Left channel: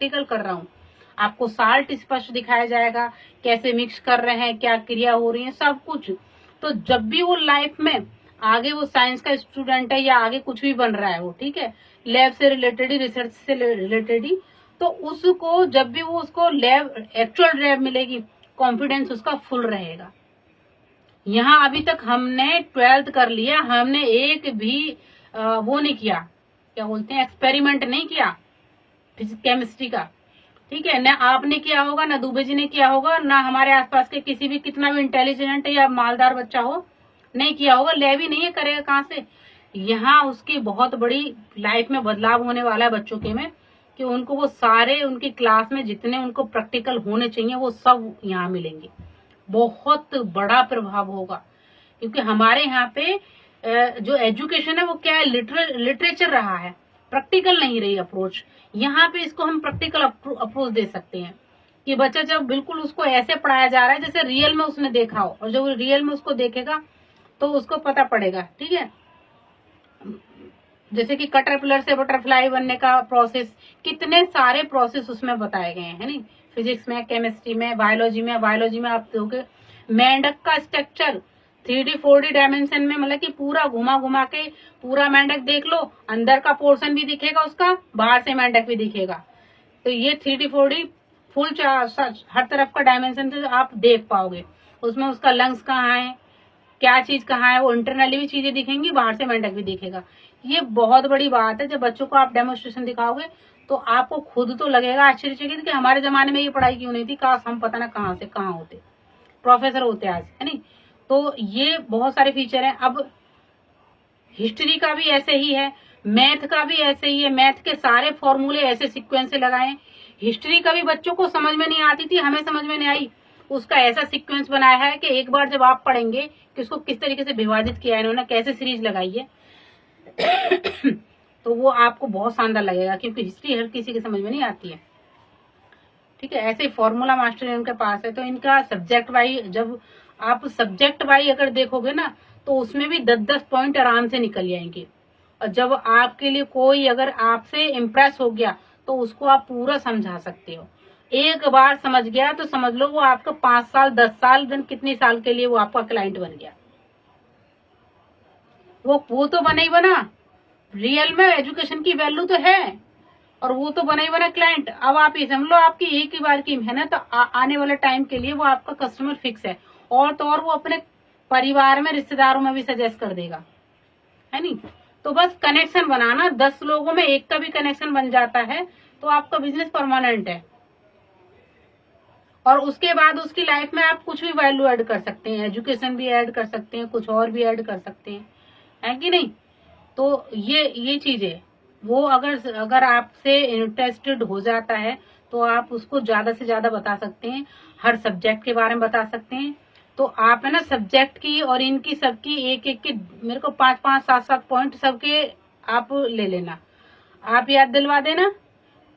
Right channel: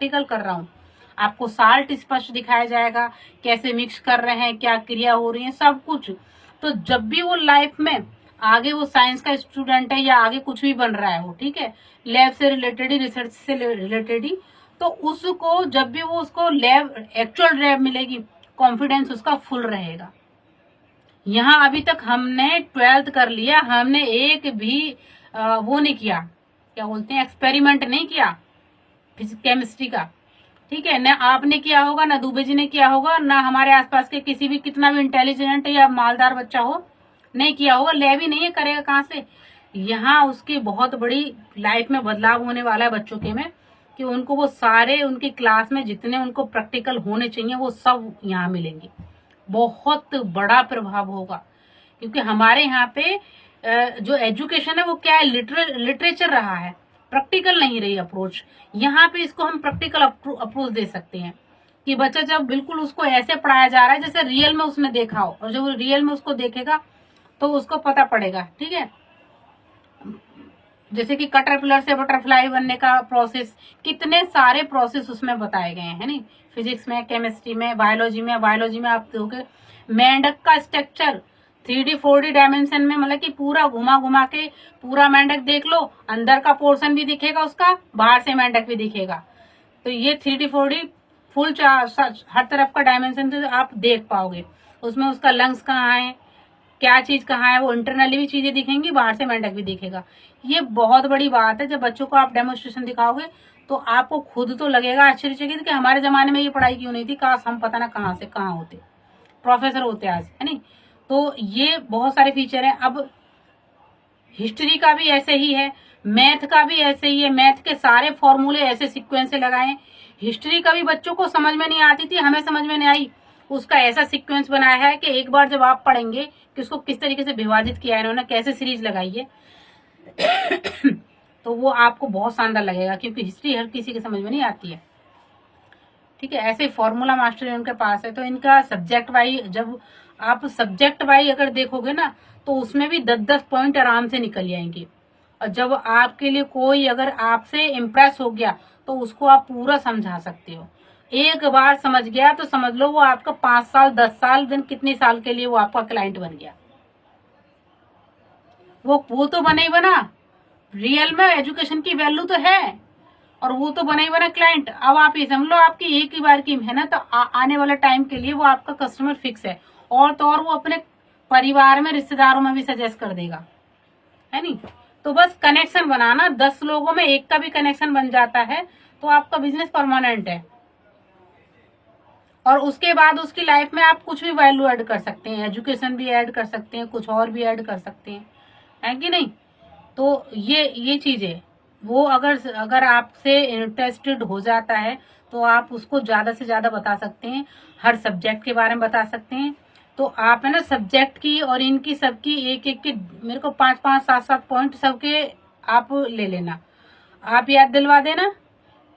Practical कर रहा हूँ। आपको साल्ट स्पष्ट दिखाया जाएगा, कैसे मिक्स कर रहे हैं, क्या क्रिया हो रही है, सब कुछ। तो जब भी वो लाइफ में आगे वो साइंस का स्टूडेंट है या आगे कुछ भी बन रहा है वो, ठीक है, लैब से रिलेटेड ही, रिसर्च से रिलेटेड ही, तो उसको जब भी वो उसको लैब एक्चुअल लैब मिलेगी, कॉन्फिडेंस उसका फुल रहेगा। यहाँ अभी तक हमने 12th कर लिया, हमने एक भी वो नहीं किया, क्या बोलते हैं, एक्सपेरिमेंट नहीं किया केमिस्ट्री का, ठीक है, ना आपने किया होगा, ना दुबे जी ने किया होगा, ना हमारे आसपास के किसी भी कितना भी इंटेलिजेंट या मालदार बच्चा हो नहीं किया होगा। लैब ही नहीं है, करेगा कहाँ से। यहाँ उसकी बहुत बड़ी लाइफ में बदलाव होने वाला है बच्चों के में, कि उनको वो सारे उनकी क्लास में जितने उनको प्रैक्टिकल होने चाहिए वो सब यहाँ मिलेंगे। बहुत बड़ा प्रभाव होगा, क्योंकि हमारे यहाँ पे जो एजुकेशन है वो क्या है, लिटरेचर रहा है, प्रैक्टिकल नहीं रही अप्रोच। यहाँ पे इसको हम प्रैक्टिकल अप्रोच दे सकते हैं, कि बच्चा जब बिल्कुल उसको ऐसे पढ़ाया जा रहा है जैसे रियल में उसने देखा हो, और जब रियल में उसको देखेगा तो उसको पता पड़ेगा, ठीक है। जैसे कि कटरपिलर से बटरफ्लाई बनने का प्रोसेस, कितने सारे प्रोसेस उसमें बताए गए हैं, नहीं, फिजिक्स में, केमिस्ट्री में, बायोलॉजी में। बायोलॉजी में आप देखोगे मेंढक का स्ट्रक्चर 3D 4D डायमेंशन में, मतलब कि पूरा घुमा घुमा के पूरा मेंढक देख लो, अंदर का पोर्शन भी दिखेगा उसका, बाहर से मेंढक भी दिखेगा। तो ये 3D 4D फुल हर तरफ का डायमेंशन से आप देख पाओगे। उसमें उसका लंग्स कहाँ है, क्या चीज कहाँ है, वो इंटरनली भी चीजें दिखेंगी, बाहर से मेंढक भी दिखेगा। ये बहुत बड़ी बात है। जब बच्चों को आप डेमोन्स्ट्रेशन दिखाओगे तो आपको खुद तो लगेगा आश्चर्यचकित कि हमारे जमाने में ये पढ़ाई क्यों नहीं थी, काश हम पता ना कहाँ से कहाँ होते, प्रोफेसर होते आज, है नहीं। तो ये बहुत सारे फीचर हैं। अब हिस्ट्री का भी ऐसे ही है, मैथ का भी ऐसे ही है, मैथ के सारे फॉर्मूले ऐसे सीक्वेंस से लगाए। हिस्ट्री का भी बच्चों को समझ में नहीं आती थी, हमें समझ में नहीं आई, उसका ऐसा सीक्वेंस बनाया है कि एक बार जब आप पढ़ेंगे कि उसको किस तरीके से विभाजित किया है इन्होंने, कैसे सीरीज लगाई है तो वो आपको बहुत शानदार लगेगा, क्योंकि हिस्ट्री हर किसी की समझ में नहीं आती है, ठीक है। ऐसे फॉर्मूला मास्टर इनके पास है। तो इनका सब्जेक्ट वाइज, जब आप सब्जेक्ट वाइज अगर देखोगे ना, तो उसमें भी 10-10 पॉइंट आराम से निकल जाएंगे। और जब आपके लिए कोई अगर आपसे इम्प्रेस हो गया तो उसको आप पूरा समझा सकते हो। एक बार समझ गया तो समझ लो वो आपका 5 साल 10 साल दिन कितने साल के लिए वो आपका क्लाइंट बन गया। वो तो बना ही बना, रियल में एजुकेशन की वैल्यू तो है, और वो तो बना ही बना क्लाइंट। अब आप ये समझ लो आपकी एक ही बार की मेहनत आने वाले टाइम के लिए वो आपका कस्टमर फिक्स है, और तो और वो अपने परिवार में, रिश्तेदारों में भी सजेस्ट कर देगा, है नहीं। तो बस कनेक्शन बनाना, 10 लोगों में एक का भी कनेक्शन बन जाता है तो आपका बिजनेस परमानेंट है। और उसके बाद उसकी लाइफ में आप कुछ भी वैल्यू ऐड कर सकते हैं, एजुकेशन भी ऐड कर सकते हैं, कुछ और भी ऐड कर सकते हैं, है कि नहीं। तो ये चीज है। वो अगर अगर आपसे इंटरेस्टेड हो जाता है तो आप उसको ज्यादा से ज्यादा बता सकते हैं, हर सब्जेक्ट के बारे में बता सकते हैं। तो आप है ना सब्जेक्ट की और इनकी सबकी एक एक के मेरे को 5-5 7-7 पॉइंट सबके आप ले लेना, आप याद दिलवा देना,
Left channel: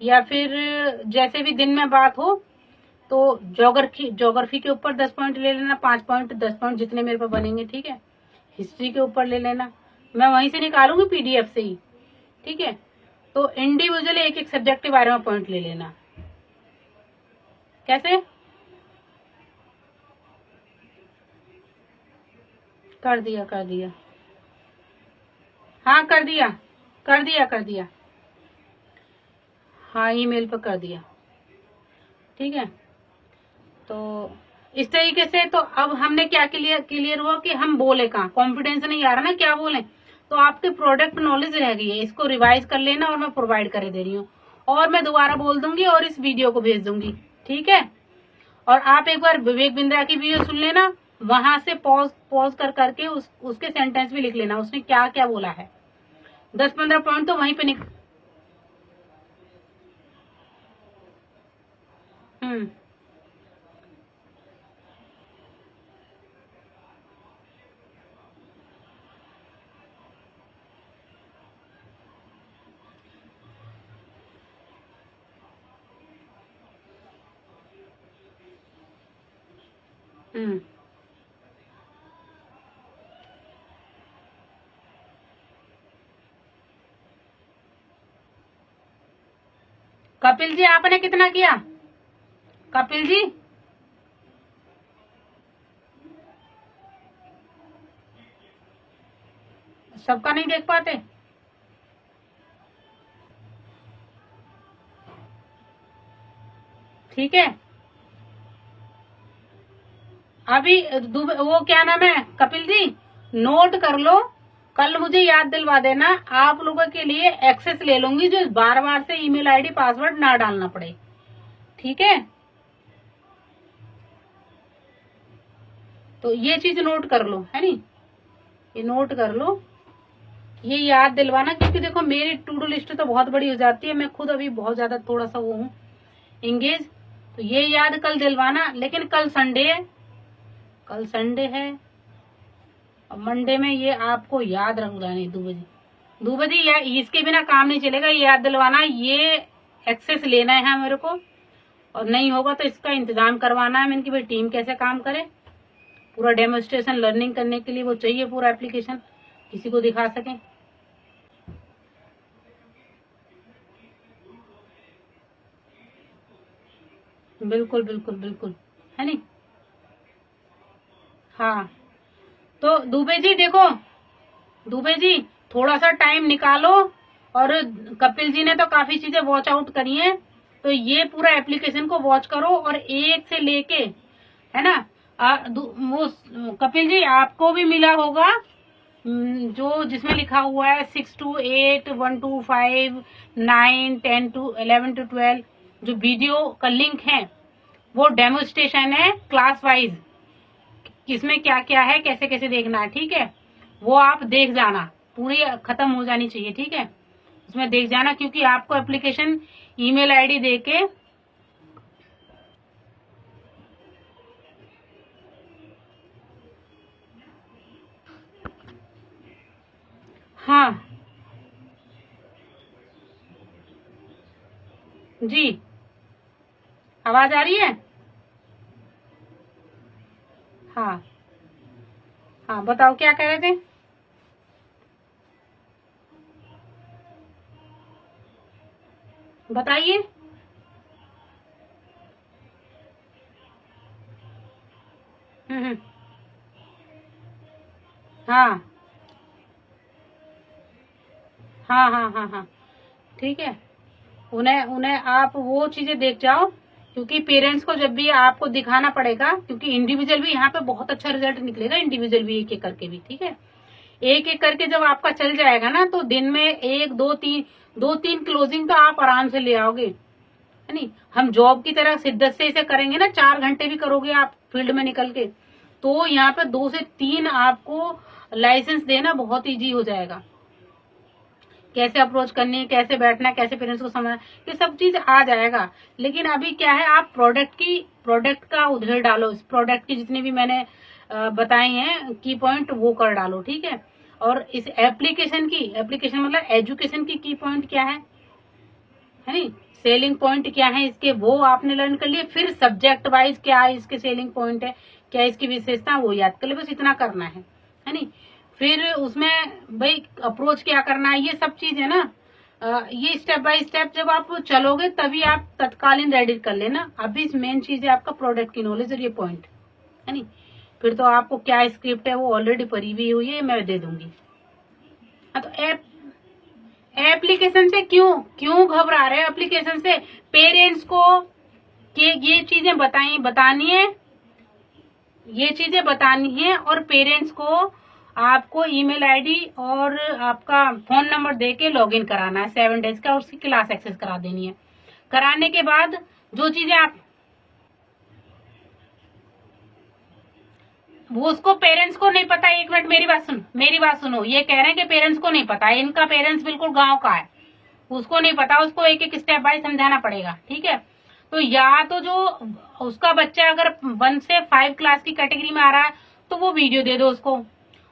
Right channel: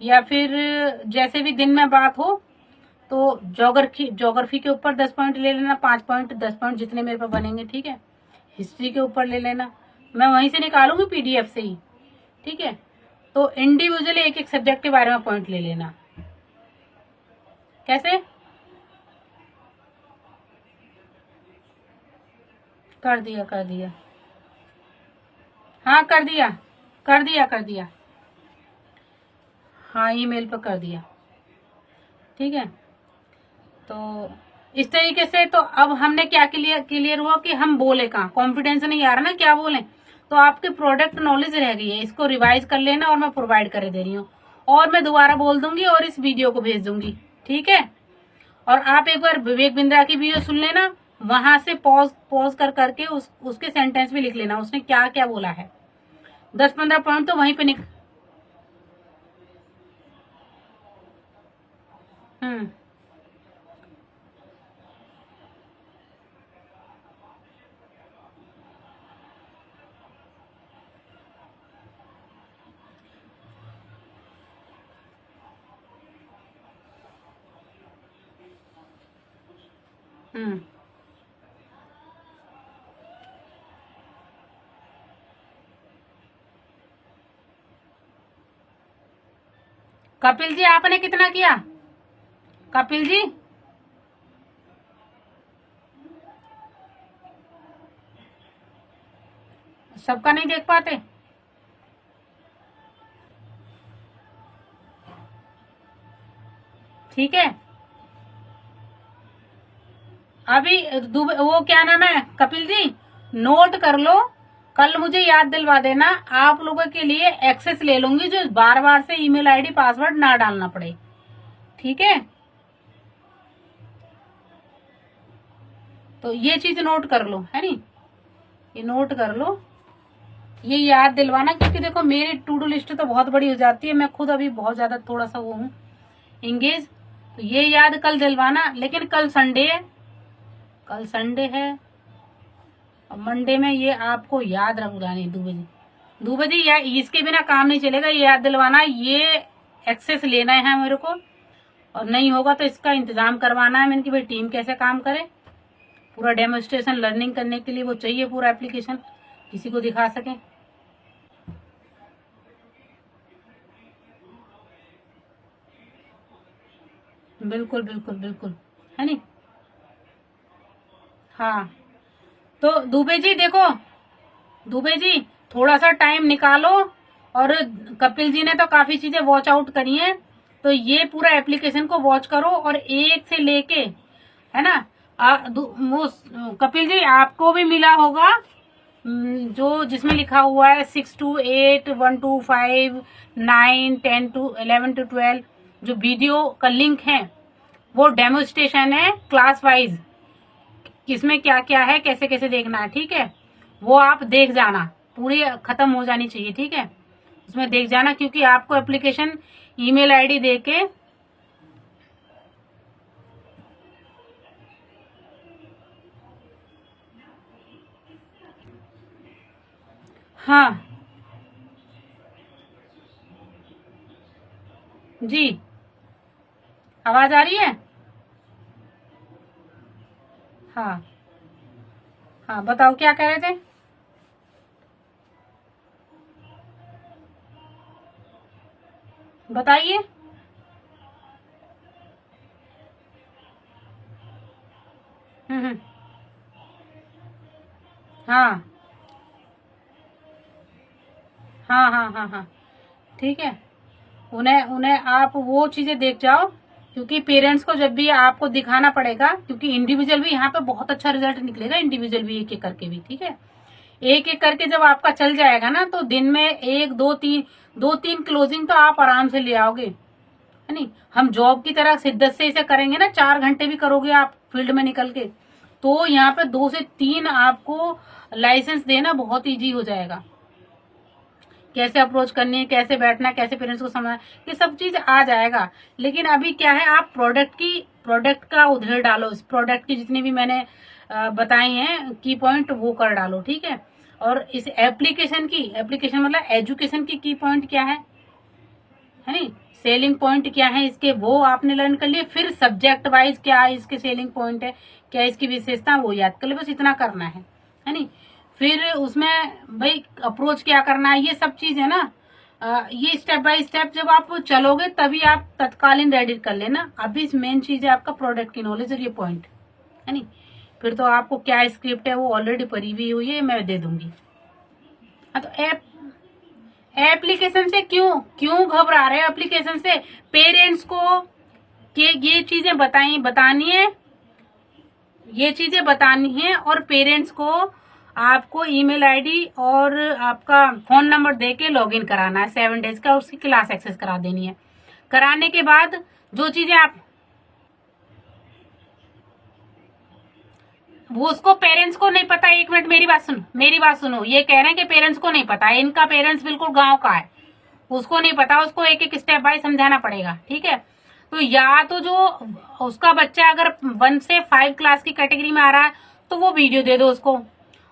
या फिर जैसे भी दिन में बात हो तो ज्योग्राफी के ऊपर 10 पॉइंट ले लेना, 5 पॉइंट 10 पॉइंट जितने मेरे पे बनेंगे, ठीक है। हिस्ट्री के ऊपर ले लेना, मैं वहीं से निकालूंगी पीडीएफ से ही, ठीक है। तो इंडिविजुअली एक एक सब्जेक्ट के बारे में पॉइंट ले लेना। कैसे कर दिया, कर दिया, हाँ कर दिया, कर दिया, कर दिया, हाँ ईमेल पर कर दिया, ठीक है। तो इस तरीके से तो अब हमने क्या क्लियर हुआ कि हम बोले कहाँ, कॉन्फिडेंस नहीं आ रहा ना क्या बोले। तो आपके प्रोडक्ट नॉलेज रह गई है, इसको रिवाइज कर लेना, और मैं प्रोवाइड कर दे रही हूँ, और मैं दोबारा बोल दूंगी और इस वीडियो को भेज दूंगी, ठीक है। और आप एक बार विवेक बिंद्रा की वीडियो सुन लेना, वहां से पॉज पॉज कर करके उसके सेंटेंस भी लिख लेना, उसने क्या क्या बोला है। 10-15 पॉइंट तो वहीं पे हम्म हम्म कपिल जी आपने कितना किया? कपिल जी सबका नहीं देख पाते? ठीक है, अभी वो क्या नाम है कपिल जी, नोट कर लो, कल मुझे याद दिलवा देना। आप लोगों के लिए एक्सेस ले लूंगी, जो बार बार से ईमेल आईडी पासवर्ड ना डालना पड़े। ठीक है, तो ये चीज नोट कर लो, है नी, ये नोट कर लो, ये याद दिलवाना, क्योंकि देखो मेरी टू डू लिस्ट तो बहुत बड़ी हो जाती है, मैं खुद अभी बहुत ज्यादा थोड़ा सा वो हूँ इंगेज, तो ये याद कल दिलवाना। लेकिन कल संडे है, कल संडे है, और मंडे में ये आपको याद रखवानी। दुबे जी या इसके बिना काम नहीं चलेगा, ये याद दिलवाना, ये एक्सेस लेना है मेरे को, और नहीं होगा तो इसका इंतजाम करवाना है मैंने कि भाई टीम कैसे काम करे। पूरा डेमोस्ट्रेशन लर्निंग करने के लिए वो चाहिए, पूरा एप्लीकेशन किसी को दिखा सकें। बिल्कुल बिल्कुल बिल्कुल, है नी। हाँ, तो दुबे जी देखो, दुबे जी थोड़ा सा टाइम निकालो, और कपिल जी ने तो काफी चीजें वॉच आउट करी हैं, तो ये पूरा एप्लीकेशन को वॉच करो, और एक से लेके, है ना, वो कपिल जी आपको भी मिला होगा जो जिसमें लिखा हुआ है 6 to 8, 1 to 5, 9, 10 to 11 to 12, जो वीडियो का लिंक है वो डेमोस्ट्रेशन है क्लास वाइज, किसमें क्या क्या है, कैसे कैसे देखना है। ठीक है, वो आप देख जाना, पूरी खत्म हो जानी चाहिए। ठीक है, उसमें देख जाना, क्योंकि आपको एप्लीकेशन ईमेल आईडी देके, हाँ जी, आवाज आ रही है? हाँ हाँ, बताओ क्या कह रहे थे? बताइए। हम्म, हाँ हाँ हाँ हाँ हाँ, ठीक है, उन्हें उन्हें आप वो चीजें देख जाओ, क्योंकि पेरेंट्स को जब भी आपको दिखाना पड़ेगा, क्योंकि इंडिविजुअल भी यहाँ पे बहुत अच्छा रिजल्ट निकलेगा, इंडिविजुअल भी एक एक करके भी। ठीक है, एक एक करके जब आपका चल जाएगा ना, तो दिन में एक दो तीन क्लोजिंग तो आप आराम से ले आओगे, है नहीं। हम जॉब की तरह शिद्दत से इसे करेंगे ना, 4 घंटे भी करोगे आप फील्ड में निकल के, तो यहाँ पे 2 से 3 आपको लाइसेंस देना बहुत इजी हो जाएगा। कैसे अप्रोच करनी है, कैसे बैठना है, कैसे पेरेंट्स को समझना, ये सब चीज आ जाएगा। लेकिन अभी क्या है, आप प्रोडक्ट का उधेड़ डालो, इस प्रोडक्ट की जितनी भी मैंने बताई हैं की पॉइंट वो कर डालो। ठीक है, और इस एप्लीकेशन मतलब एजुकेशन की पॉइंट क्या है नहीं, सेलिंग पॉइंट क्या है इसके, वो आपने लर्न कर लिए। फिर सब्जेक्ट वाइज क्या है इसके सेलिंग पॉइंट है, क्या इसकी विशेषता, वो याद कर ले, बस इतना करना है नहीं। फिर उसमें भाई अप्रोच क्या करना है, ये सब चीज है ना, ये स्टेप बाय स्टेप जब आप चलोगे तभी आप तत्कालीन रेडी कर लेना। अभी मेन चीज है आपका प्रोडक्ट की नॉलेज और ये पॉइंट, है नहीं। फिर तो आपको क्या स्क्रिप्ट है वो ऑलरेडी परी हुई है, मैं दे दूंगी। हाँ, तो एप्लीकेशन से क्यों क्यों घबरा रहे हो? एप्लीकेशन से पेरेंट्स को कि ये चीजें बतानी है, ये चीजें बतानी है, और पेरेंट्स को आपको ईमेल आईडी और आपका फोन नंबर देके लॉगिन कराना है 7 डेज का, उसकी क्लास एक्सेस करा देनी है। कराने के बाद जो चीजें आप वो उसको पेरेंट्स को नहीं पता। एक मिनट मेरी बात सुनो, ये कह रहे हैं कि पेरेंट्स को नहीं पता है, इनका पेरेंट्स बिल्कुल गांव का है, उसको नहीं पता, उसको एक एक स्टेप बाय समझाना पड़ेगा। ठीक है, तो या तो जो उसका बच्चा अगर 1 से 5 क्लास की कैटेगरी में आ रहा है तो वो वीडियो दे दो उसको,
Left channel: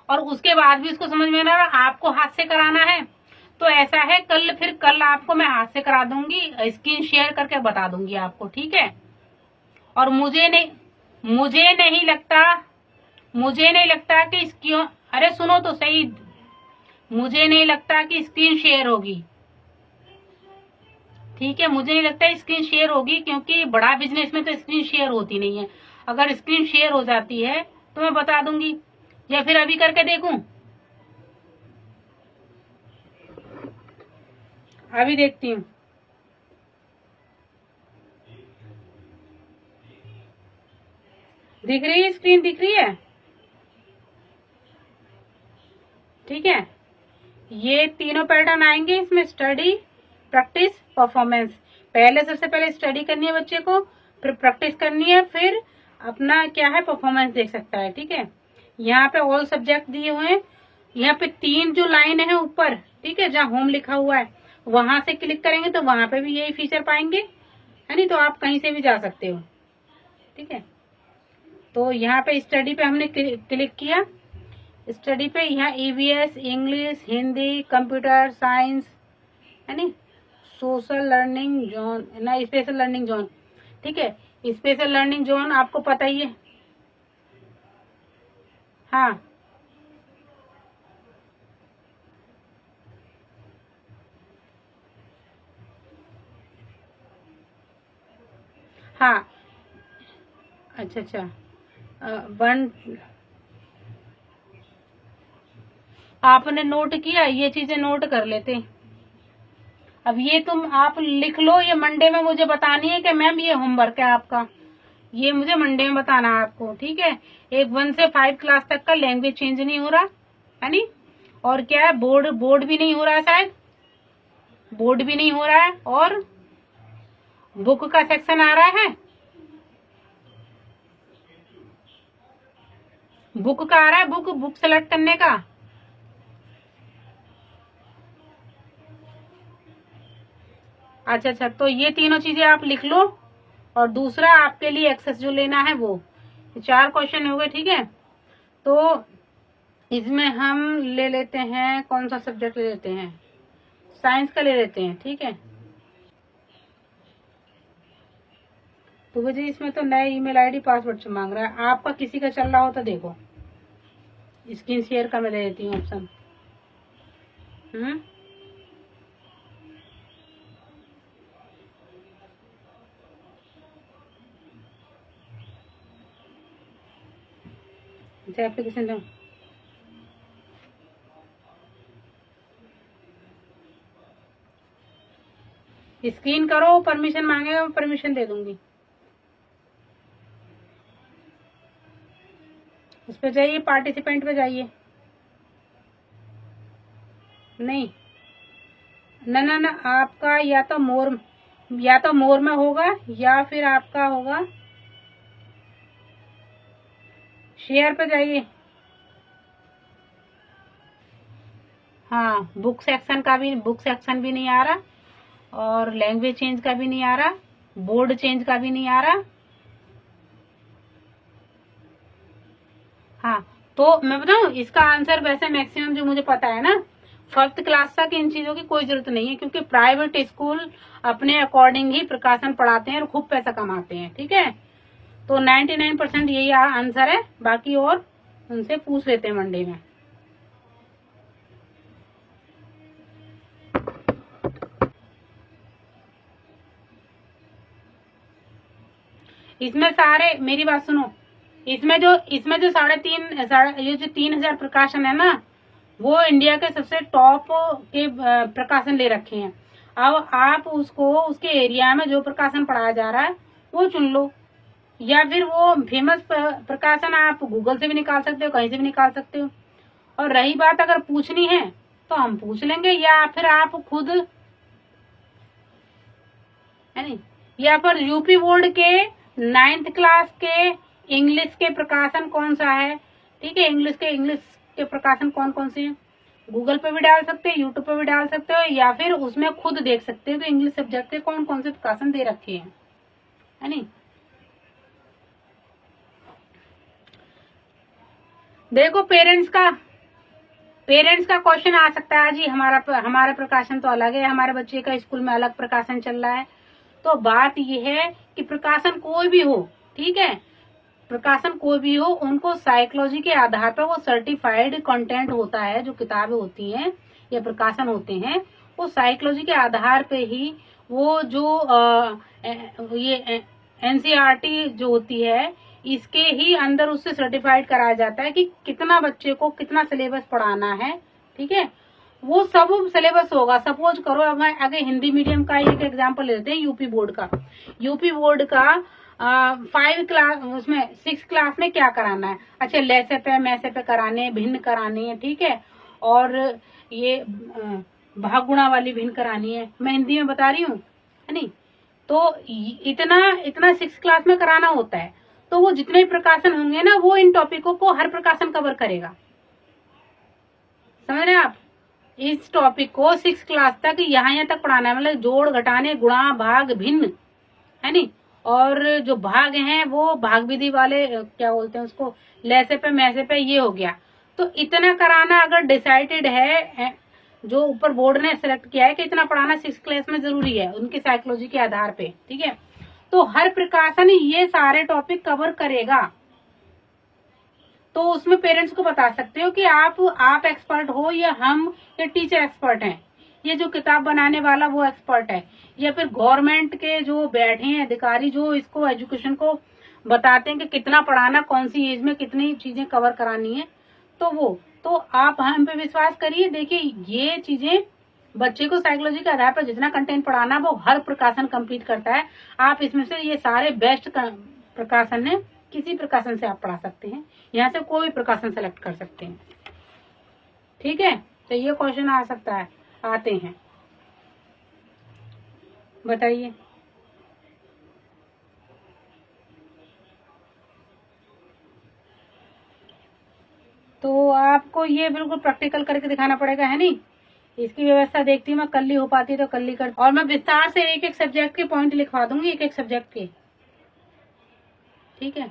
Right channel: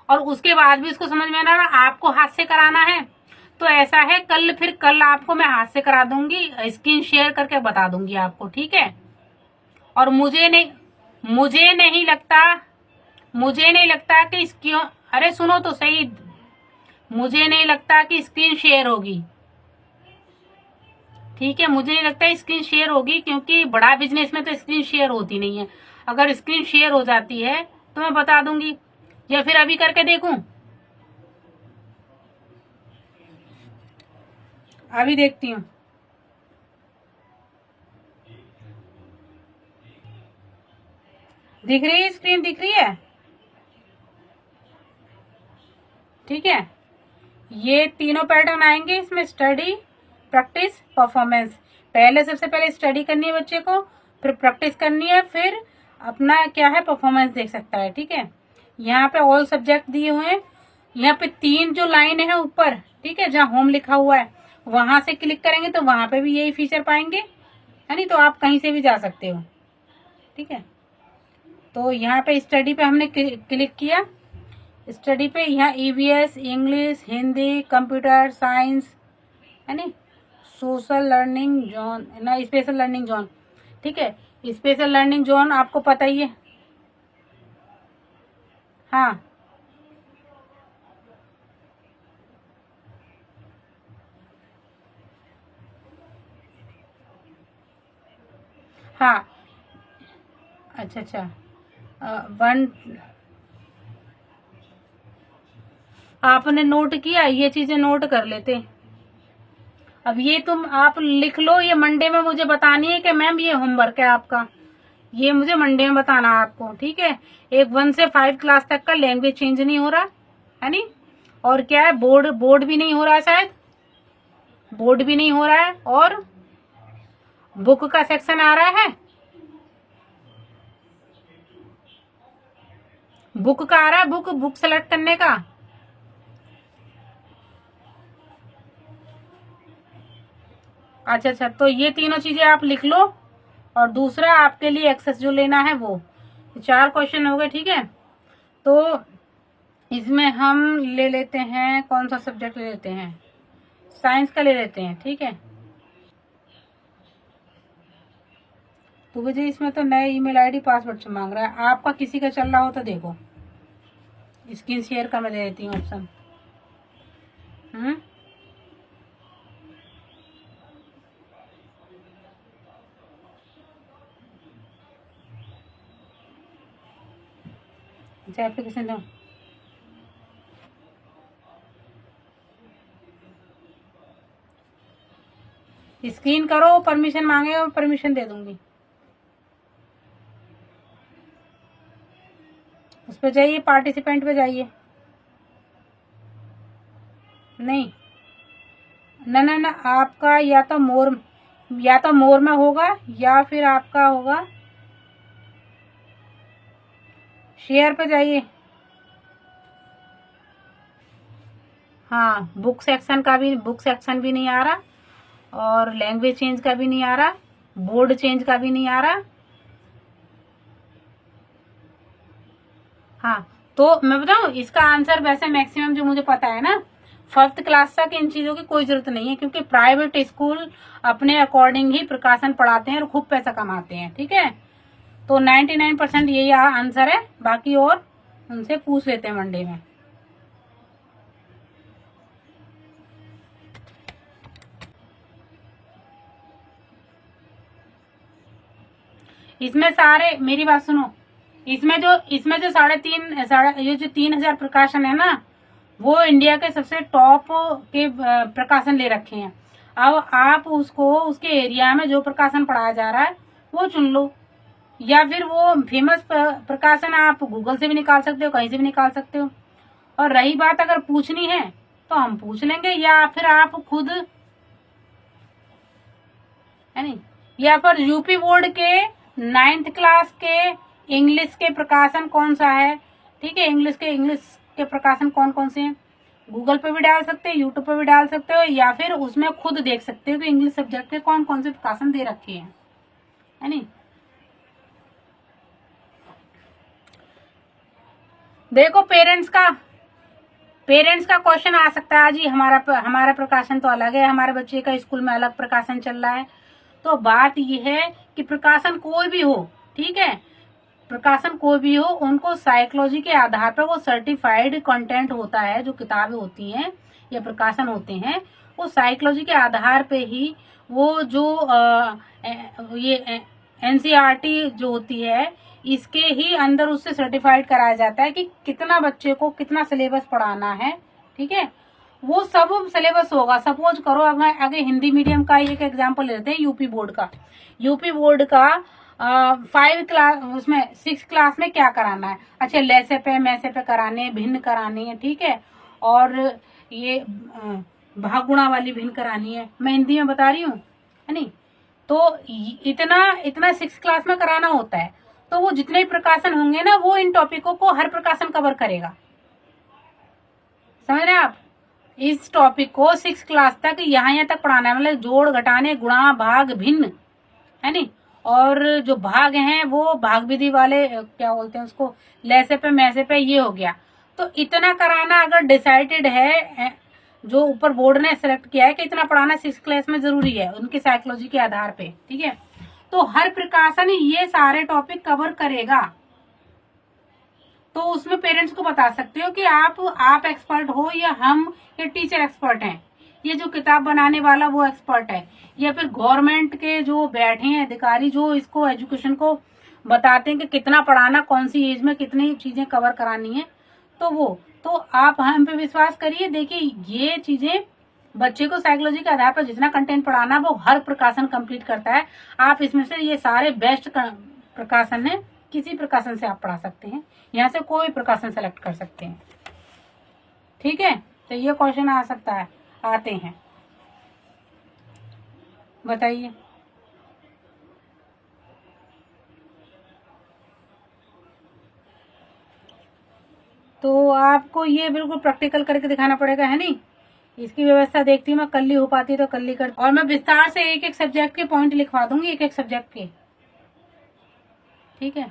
और उसके बाद भी उसको समझ में ना रहा, आपको हाथ से कराना है तो ऐसा है, कल आपको मैं हाथ से करा दूंगी, स्क्रीन शेयर करके बता दूंगी आपको। ठीक है, और मुझे नहीं लगता कि इसकी, अरे सुनो तो सही, मुझे नहीं लगता कि स्क्रीन शेयर होगी, ठीक है, मुझे नहीं लगता स्क्रीन शेयर होगी, क्योंकि बड़ा बिजनेस में तो स्क्रीन शेयर होती नहीं है। अगर स्क्रीन शेयर हो जाती है तो मैं बता दूंगी, या फिर अभी करके देखूं। अभी देखती हूँ। दिख रही है, स्क्रीन दिख रही है? ठीक है, ये तीनों पैटर्न आएंगे इसमें, स्टडी, प्रैक्टिस, परफॉर्मेंस। पहले सबसे पहले स्टडी करनी है बच्चे को, फिर प्रैक्टिस करनी है, फिर अपना क्या है परफॉर्मेंस देख सकता है। ठीक है, यहाँ पे ऑल सब्जेक्ट दिए हुए हैं। यहाँ पे 3 जो लाइन है ऊपर, ठीक है, जहाँ होम लिखा हुआ है, वहां से क्लिक करेंगे तो वहां पे भी यही फीचर पाएंगे, है नहीं? तो आप कहीं से भी जा सकते हो। ठीक है, तो यहाँ पे स्टडी पे हमने क्लिक किया। स्टडी पे यहाँ EVS, English, Hindi, computer science, है नी, सोशल लर्निंग जोन ना, स्पेशल लर्निंग जोन। ठीक है, स्पेशल लर्निंग जोन आपको पता ही है। हाँ हाँ, अच्छा अच्छा, वन आपने नोट किया, ये चीजें नोट कर लेते। अब ये तुम आप लिख लो, ये मंडे में मुझे बतानी है कि मैम ये होमवर्क है आपका, ये मुझे मंडे में बताना है आपको। ठीक है, एक 1 से 5 क्लास तक का लैंग्वेज चेंज नहीं हो रहा है नी, और क्या है, बोर्ड भी नहीं हो रहा है, शायद बोर्ड भी नहीं हो रहा है, और बुक का सेक्शन आ रहा है, बुक का आ रहा है, बुक सेलेक्ट करने का। अच्छा अच्छा, तो ये तीनों चीजें आप लिख लो, और दूसरा आपके लिए एक्सेस जो लेना है वो 4 क्वेश्चन हो गए। ठीक है, तो इसमें हम ले लेते हैं, कौन सा सब्जेक्ट ले लेते हैं, साइंस का ले लेते हैं। ठीक है, तो मुझे इसमें तो नए ईमेल आईडी पासवर्ड मांग रहा है। आपका किसी का चल रहा हो तो देखो, स्क्रीन शेयर का मैं दे देती हूँ ऑप्शन। अच्छा, एप्लीकेशन दो, स्क्रीन करो, परमिशन मांगेगा, परमिशन दे दूंगी। उस पर जाइए, पार्टिसिपेंट पे जाइए। नहीं, ना ना ना, आपका या तो मोर में होगा, या फिर आपका होगा शेयर पे जाइए। हाँ, बुक सेक्शन भी नहीं आ रहा, और लैंग्वेज चेंज का भी नहीं आ रहा, बोर्ड चेंज का भी नहीं आ रहा। हाँ, तो मैं बताऊं, इसका आंसर वैसे मैक्सिमम जो मुझे पता है ना, 5th क्लास तक इन चीजों की कोई जरूरत नहीं है, क्योंकि प्राइवेट स्कूल अपने अकॉर्डिंग ही प्रकाशन पढ़ाते हैं और खूब पैसा कमाते हैं। ठीक है, तो 99% यही आंसर है, बाकी और उनसे पूछ लेते हैं मंडे में। इसमें सारे, मेरी बात सुनो, इसमें जो 3.5 ये जो 3000 प्रकाशन है ना, वो इंडिया के सबसे टॉप के प्रकाशन ले रखे हैं। अब आप उसको, उसके एरिया में जो प्रकाशन पढ़ाया जा रहा है वो चुन लो, या फिर वो फेमस प्रकाशन आप गूगल से भी निकाल सकते हो, कहीं से भी निकाल सकते हो। और रही बात अगर पूछनी है तो हम पूछ लेंगे, या फिर आप खुद, है नहीं, या फिर यूपी बोर्ड के 9th क्लास के इंग्लिश के प्रकाशन कौन सा है। ठीक है, इंग्लिश के प्रकाशन कौन कौन से हैं, गूगल पे भी डाल सकते हो, यूट्यूब पे भी डाल सकते हो, या फिर उसमें खुद देख सकते हो कि इंग्लिश सब्जेक्ट के कौन कौन से प्रकाशन दे रखे हैं, है नहीं। देखो, पेरेंट्स का क्वेश्चन आ सकता है जी, हमारा प्रकाशन तो अलग है, हमारे बच्चे का स्कूल में अलग प्रकाशन चल रहा है। तो बात यह है कि प्रकाशन कोई भी हो, ठीक है, प्रकाशन कोई भी हो, उनको साइकोलॉजी के आधार पर वो सर्टिफाइड कंटेंट होता है, जो किताबें होती हैं या प्रकाशन होते हैं, वो साइकोलॉजी के आधार पे ही वो जो ये एनसीईआरटी जो होती है इसके ही अंदर उससे सर्टिफाइड कराया जाता है कि कितना बच्चे को कितना सिलेबस पढ़ाना है। ठीक है, वो सब सिलेबस होगा। सपोज करो अब मैं आगे हिंदी मीडियम का एक एग्जांपल लेते हैं, यूपी बोर्ड का। यूपी बोर्ड का 5 क्लास उसमें 6 क्लास में क्या कराना है? अच्छा, लैसे पे मैसे पे कराने, भिन्न करानी है। ठीक है, और ये भागुणा वाली भिन्न करानी है। मैं हिंदी में बता रही हूँ, है नहीं? तो इतना इतना 6 क्लास में कराना होता है। तो वो जितने प्रकाशन होंगे ना, वो इन टॉपिकों को हर प्रकाशन कवर करेगा। समझ रहे हैं आप? इस टॉपिक को 6 क्लास तक यहाँ तक पढ़ाना है, मतलब जोड़ घटाने गुणा भाग भिन्न, है नहीं? और जो भाग हैं वो भाग विधि वाले क्या बोलते हैं उसको, लैसे पे मैसे पे, ये हो गया। तो इतना कराना अगर डिसाइडेड है, जो ऊपर बोर्ड ने सेलेक्ट किया है कि इतना पढ़ाना 6 क्लास में जरूरी है उनकी साइकोलॉजी के आधार पे। ठीक है, तो हर प्रकाशन ये सारे टॉपिक कवर करेगा। तो उसमें पेरेंट्स को बता सकते हो कि आप एक्सपर्ट हो या हम या टीचर एक्सपर्ट हैं, ये जो किताब बनाने वाला वो एक्सपर्ट है, या फिर गवर्नमेंट के जो बैठे हैं अधिकारी जो इसको एजुकेशन को बताते हैं कि कितना पढ़ाना, कौन सी एज में कितनी चीजें कवर करानी है। तो आप हम पे विश्वास करिए। देखिए, ये चीजें बच्चे को साइकोलॉजी के आधार पर जितना कंटेंट पढ़ाना वो हर प्रकाशन कंप्लीट करता है। आप इसमें से ये सारे बेस्ट प्रकाशन है, किसी प्रकाशन से आप पढ़ा सकते हैं, यहाँ से कोई प्रकाशन सेलेक्ट कर सकते हैं। ठीक है, तो ये क्वेश्चन आ सकता है, आते हैं, बताइए। तो आपको ये बिल्कुल प्रैक्टिकल करके दिखाना पड़ेगा, है नहीं? इसकी व्यवस्था देखती हूँ मैं, कल ही हो पाती तो कल ही कर, और मैं विस्तार से एक एक सब्जेक्ट के पॉइंट लिखवा दूंगी, एक एक सब्जेक्ट के। ठीक है।